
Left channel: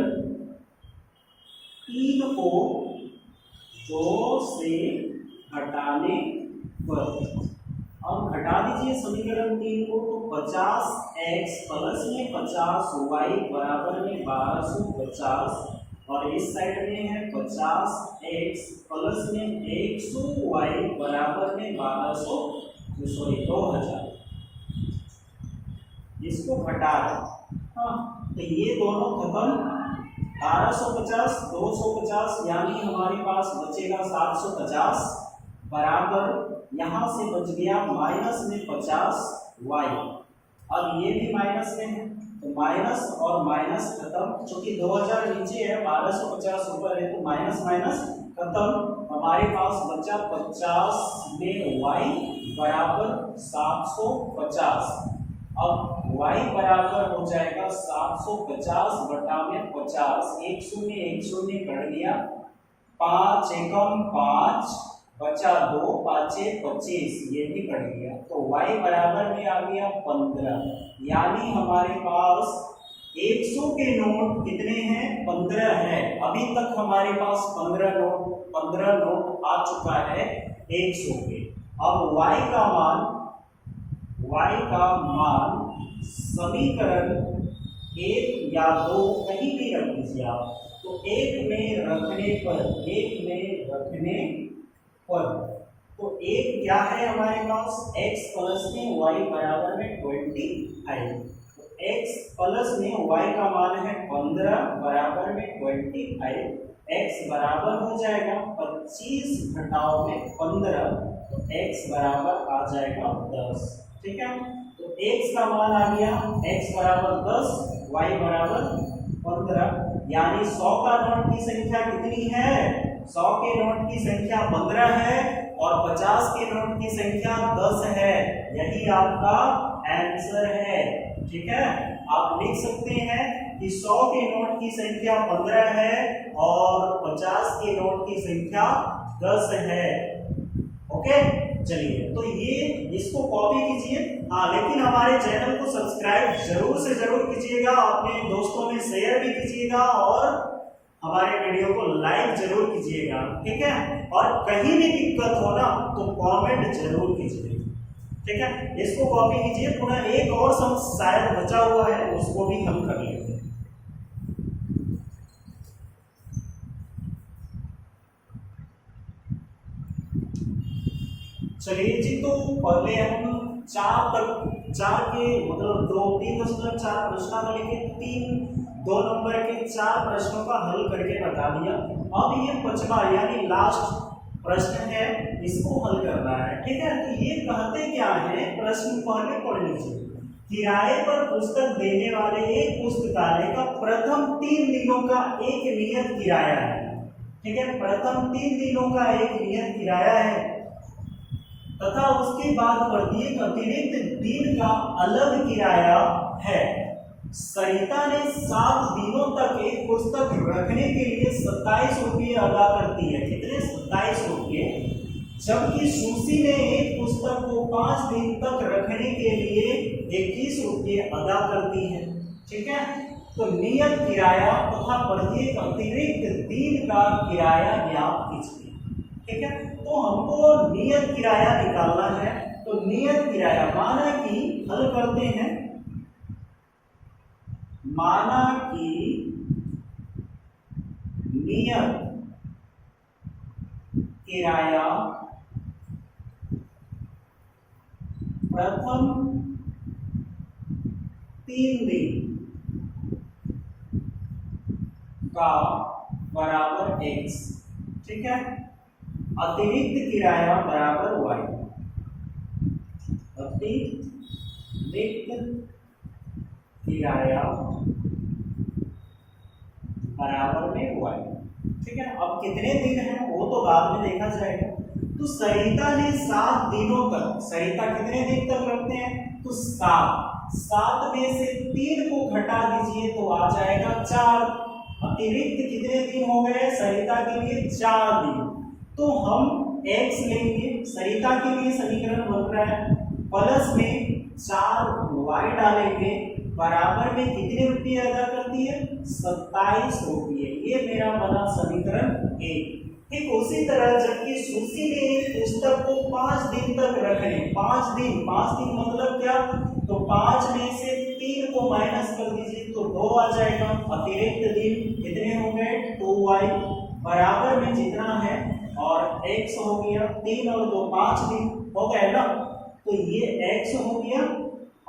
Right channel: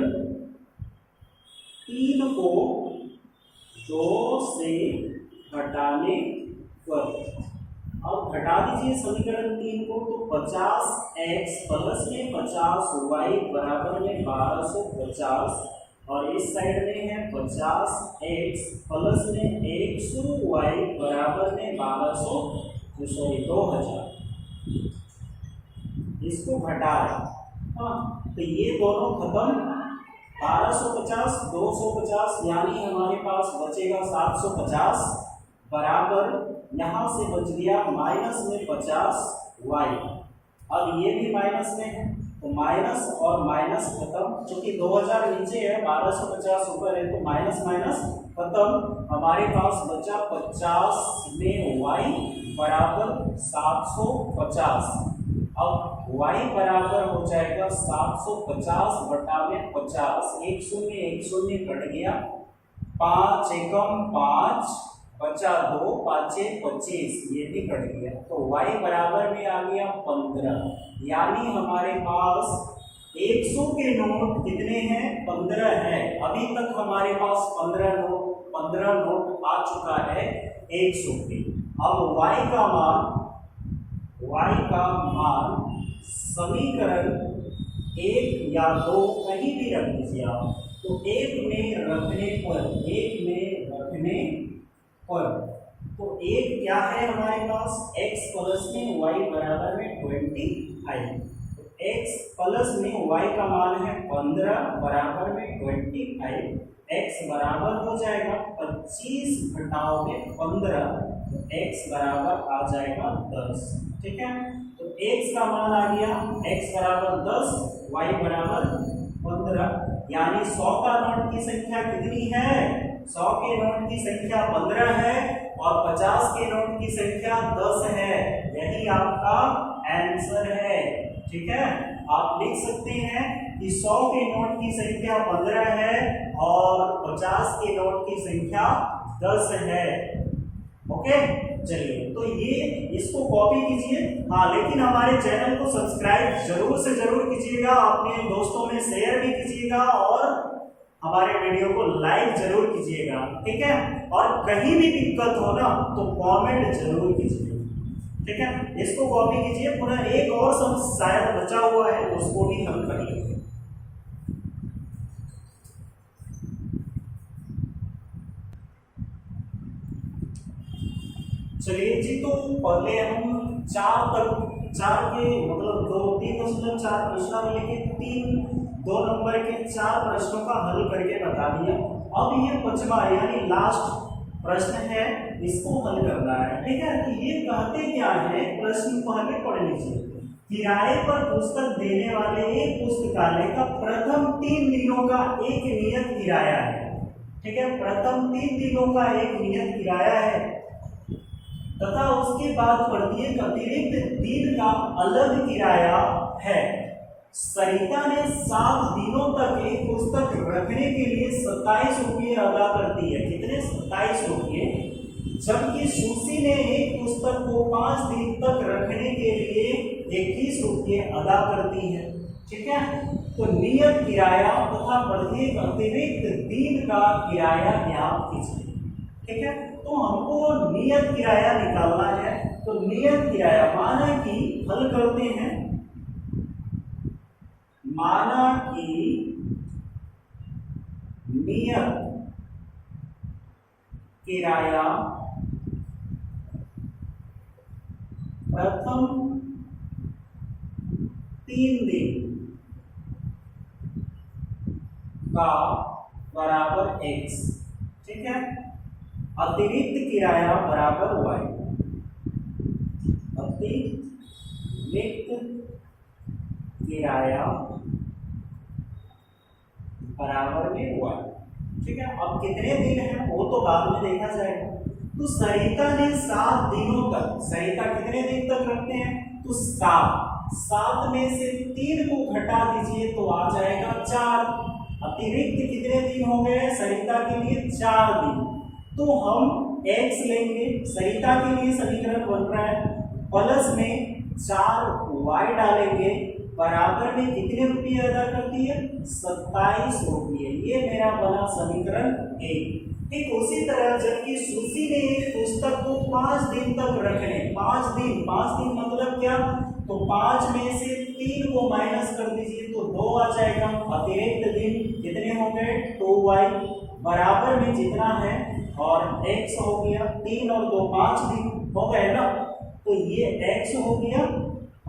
3 को 2 से घटाने पर, अब घटा दीजिए समीकरण 3 को, तो 50x प्लस में 50y बराबर में 1250 और इस साइड में है 50x प्लस में 100y बराबर में 2000। इसको घटा है, हाँ, तो ये दोनों खत्म। 1250 250 यानी हमारे पास बचेगा 750 बराबर, यहाँ से बच गया माइनस में 50y। अब ये भी माइनस में है तो माइनस और माइनस खत्म, क्योंकि 2000 नीचे है 1250 ऊपर है तो माइनस माइनस खत्म। हमारे पास बचा 50 में y बराबर 750। अब y बराबर हो जाएगा 750 बटा में 50, 1 0 कट गया, 5 एकम 5 बचा 2 5 25, ये भी कट गया। तो y बराबर में आ गया 15, यानी हमारे पास 100 के नोट कितने हैं, 15 है। अभी तक हमारे पास 15 नोट आ चुका है 100 के। अब y का मान समीकरण 1 या 2 कहीं भी रख दीजिए आप, तो 1 में रखने पर तो 1 क्या है हमारे पास, x प्लस में y बराबर में 25। तो x प्लस में y का मान है 15 बराबर में 25, x बराबर हो जाएगा 25 घटाओ में 15, तो x बराबर आ जाएगा 10। ठीक है, तो x का मान आ गया x बराबर 10, y बराबर 15, यानी 100 का नोट की संख्या कितनी है? 100 के नोट की संख्या 15 है और 50 के नोट की संख्या 10 है। यही आपका आंसर है। ठीक है, आप लिख सकते हैं कि 100 के नोट की संख्या 15 है और 50 के नोट की संख्या 10 है। ओके, चलिए तो ये इसको कॉपी कीजिए। हाँ, लेकिन हमारे चैनल को सब्सक्राइब जरूर से जरूर कीजिएगा, अपने दोस्तों में शेयर भी कीजिएगा और हमारे वीडियो को लाइक जरूर कीजिएगा। ठीक है, और कहीं भी दिक्कत हो ना तो कमेंट जरूर कीजिए। ठीक है, इसको कॉपी कीजिए। पुनः एक और सम शायद बचा हुआ है, उसको भी हल कर लेंगे। चलिए जी, तो पहले हम 4 के मतलब 3.4 प्रश्नों में लेके 2 नंबर के 4 प्रश्नों का हल करके बता दिया। अब ये 5वां यानी लास्ट प्रश्न है, इसको हल करना है। ठीक है, तो ये कहते क्या है, प्रश्न पहले पढ़ लीजिए। किराए पर पुस्तक देने वाले एक पुस्तकालय का प्रथम 3 दिनों का एक नियत किराया है। ठीक है, प्रथम 3 दिनों का एक नियत किराया है तथा उसके बाद प्रत्येक अतिरिक्त दिन का अलग किराया है। सरिता ने 7 दिनों तक एक पुस्तक रखने के लिए 27 रुपये अदा करती है। कितने? 27 रुपये। जबकि सुशी ने एक पुस्तक को 5 दिन तक रखने के लिए 21 रुपये अदा करती है। ठीक है, तो नियत किराया तथा प्रत्येक अतिरिक्त दिन का किराया ज्ञात कीजिए। ठीक है, तो हमको नियत किराया निकालना है। तो नियत किराया माना कि हल करते हैं, माना कि नियत किराया प्रथम 3 दिन का बराबर x। ठीक है, अतिरिक्त किराया बराबर y। अतिरिक्त किराया बराबर में y। ठीक है, अब कितने दिन है वो तो बाद में देखा जाएगा। तो सरिता ने 7 दिनों तक, सरिता कितने दिन तक रखते हैं? तो 7 में से 3 को घटा दीजिए तो आ जाएगा 4। अतिरिक्त कितने दिन हो गए सरिता के लिए? 4 दिन। तो हम x लेंगे, सरिता के लिए समीकरण बन रहा है, प्लस में 4y डालेंगे, बराबर में कितने रुपये अदा करती है? 27 रुपये। ये मेरा बना समीकरण 1। ठीक उसी तरह जबकि सुशी ने एक पुस्तक को 5 दिन तक रखने, 5 दिन मतलब क्या? तो 5 में से 3 को माइनस कर दीजिए तो 2 आ जाएगा। अतिरिक्त दिन कितने हो गए? 2y, बराबर में जितना है और x हो गया 3 और 2 5 दिन हो गए ना, तो ये x हो गया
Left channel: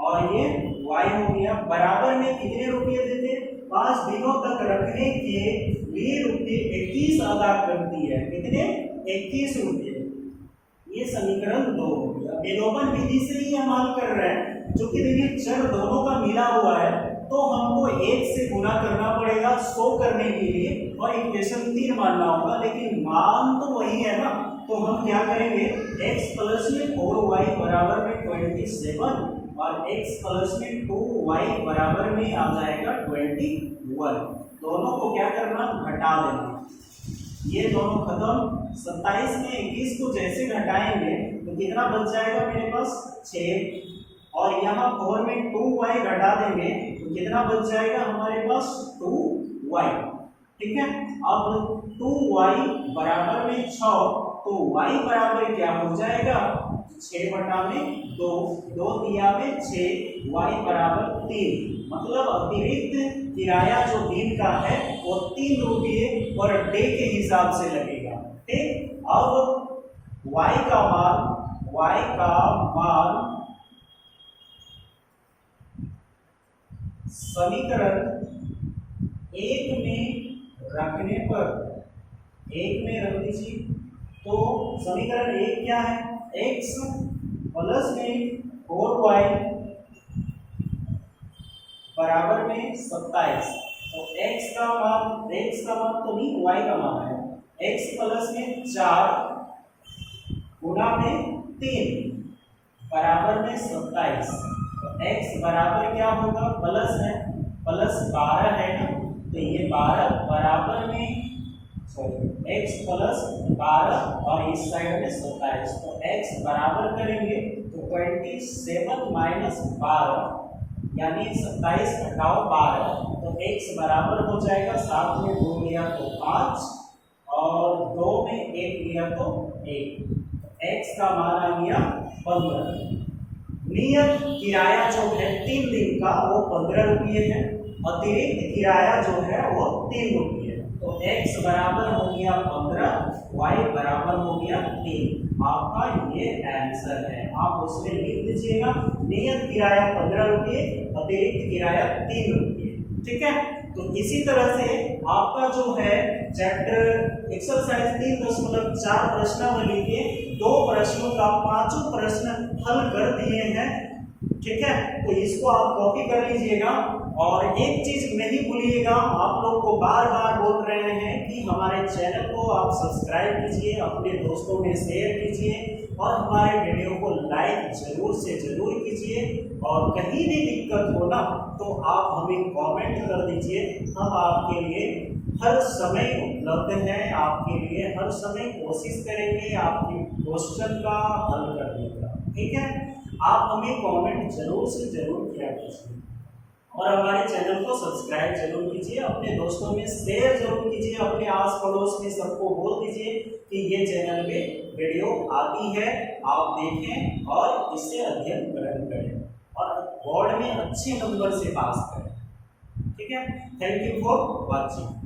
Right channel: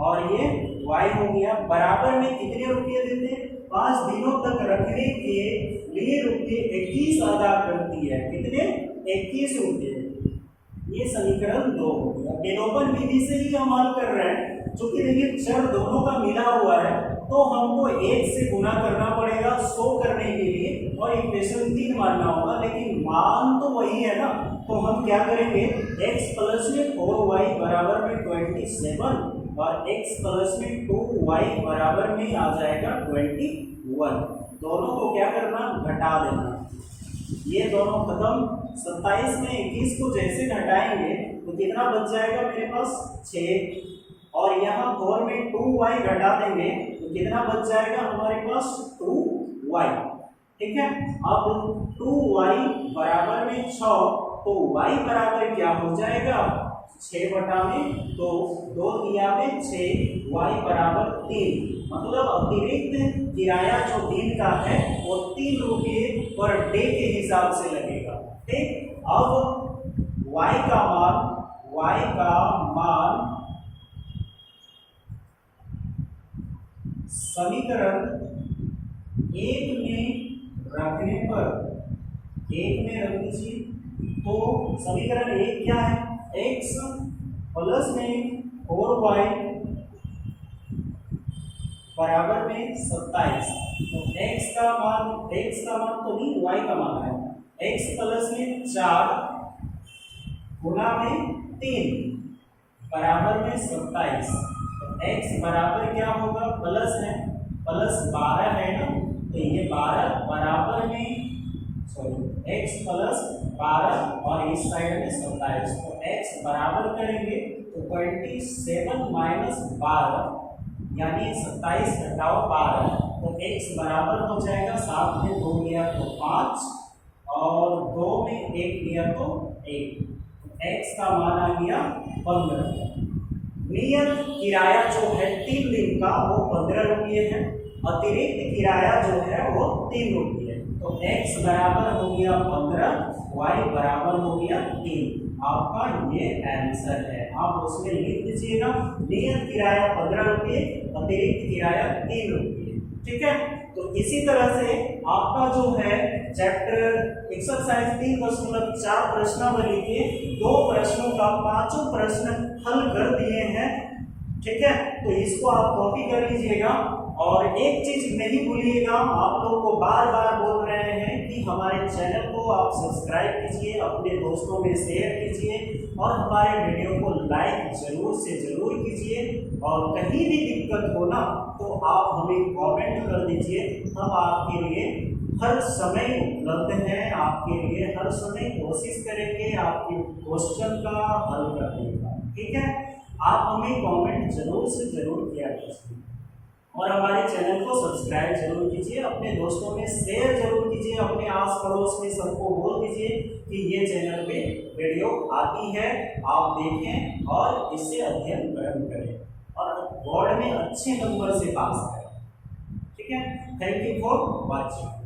और ये y हो गया। बराबर में कितने रुपये देते हैं? 5 दिनों तक रखने के लिए रुपये 21 अदा करती है। कितने? 21 रुपये। ये समीकरण 2 हो गया। विलोपन विधि से ही हम हल कर रहे हैं, जो कि देखिए चर दोनों का मिला हुआ है, तो हमको 1 से गुना करना पड़ेगा शो करने के लिए और इक्वेशन 3 मानना होगा, लेकिन मान तो वही है ना। तो हम क्या करेंगे? x प्लस में 4y बराबर में 27 और x प्लस में 2y बराबर में आ जाएगा 21। दोनों को क्या करना? घटा देना। ये दोनों खत्म। 27 में 21 को जैसे घटाएंगे तो कितना बच जाएगा मेरे पास? 6। और यहाँ 4 में 2y घटा देंगे तो कितना बच जाएगा हमारे पास? 2y। ठीक है, अब 2y बराबर में 6, तो y बराबर क्या हो जाएगा? 6/2, 2 दिया में 6, y बराबर 3। मतलब अतिरिक्त किराया जो दिन का है वो 3 रुपये पर डे के हिसाब से लगेगा। ठीक, अब y का मान समीकरण 1 में रखने पर, 1 में रख दीजिए, तो समीकरण 1 क्या है? x प्लस में 4y बराबर में 27। तो x का मान तो नहीं, y का मान है। x प्लस में 4 गुना में 3 बराबर में 27। तो x बराबर क्या होगा, प्लस है, प्लस 12 है ना, तो ये 12 बराबर में x प्लस 12 और इस साइड में 27। तो x बराबर करेंगे तो 27 माइनस 12 यानी 27 घटाओ 12, तो x बराबर हो जाएगा 7 में 2 लिया तो 5 और 2 में 1 लिया तो 1। तो x का मान आ गया 15। नियत किराया जो है 3 दिन का वो 15 रुपये है, अतिरिक्त किराया जो है वो 3 रुपये है। तो x बराबर हो गया 15, y बराबर हो गया 3। आपका ये आंसर है। आप उसमें लिख दीजिएगा नियत किराया 15 रुपये, अतिरिक्त किराया 3 रुपये। ठीक है, तो इसी तरह से आपका जो है चैप्टर एक्सरसाइज 3.4 प्रश्नावली के 2 प्रश्नों का 5 प्रश्न हल कर दिए हैं। ठीक है, तो इसको आप कॉपी कर लीजिएगा। और एक चीज नहीं भूलिएगा, आप लोग को बार बार बोल रहे हैं कि हमारे चैनल को आप सब्सक्राइब कीजिए, अपने दोस्तों में शेयर कीजिए और हमारे वीडियो को लाइक जरूर से जरूर कीजिए। और कहीं भी दिक्कत हो ना तो आप हमें कमेंट कर दीजिए, हम आपके लिए हर समय उपलब्ध हैं, आपके लिए हर समय कोशिश करेंगे आपके क्वेश्चन का हल करने का। ठीक है, आप हमें कमेंट जरूर से जरूर किया कीजिए और हमारे चैनल को सब्सक्राइब जरूर कीजिए, अपने दोस्तों में शेयर जरूर कीजिए, अपने आस पड़ोस में सबको बोल दीजिए कि ये चैनल पे वीडियो आती है, आप देखें और इससे अध्ययन ग्रहण करें और बोर्ड में अच्छे नंबर से पास करें। ठीक है, थैंक यू फॉर वॉचिंग।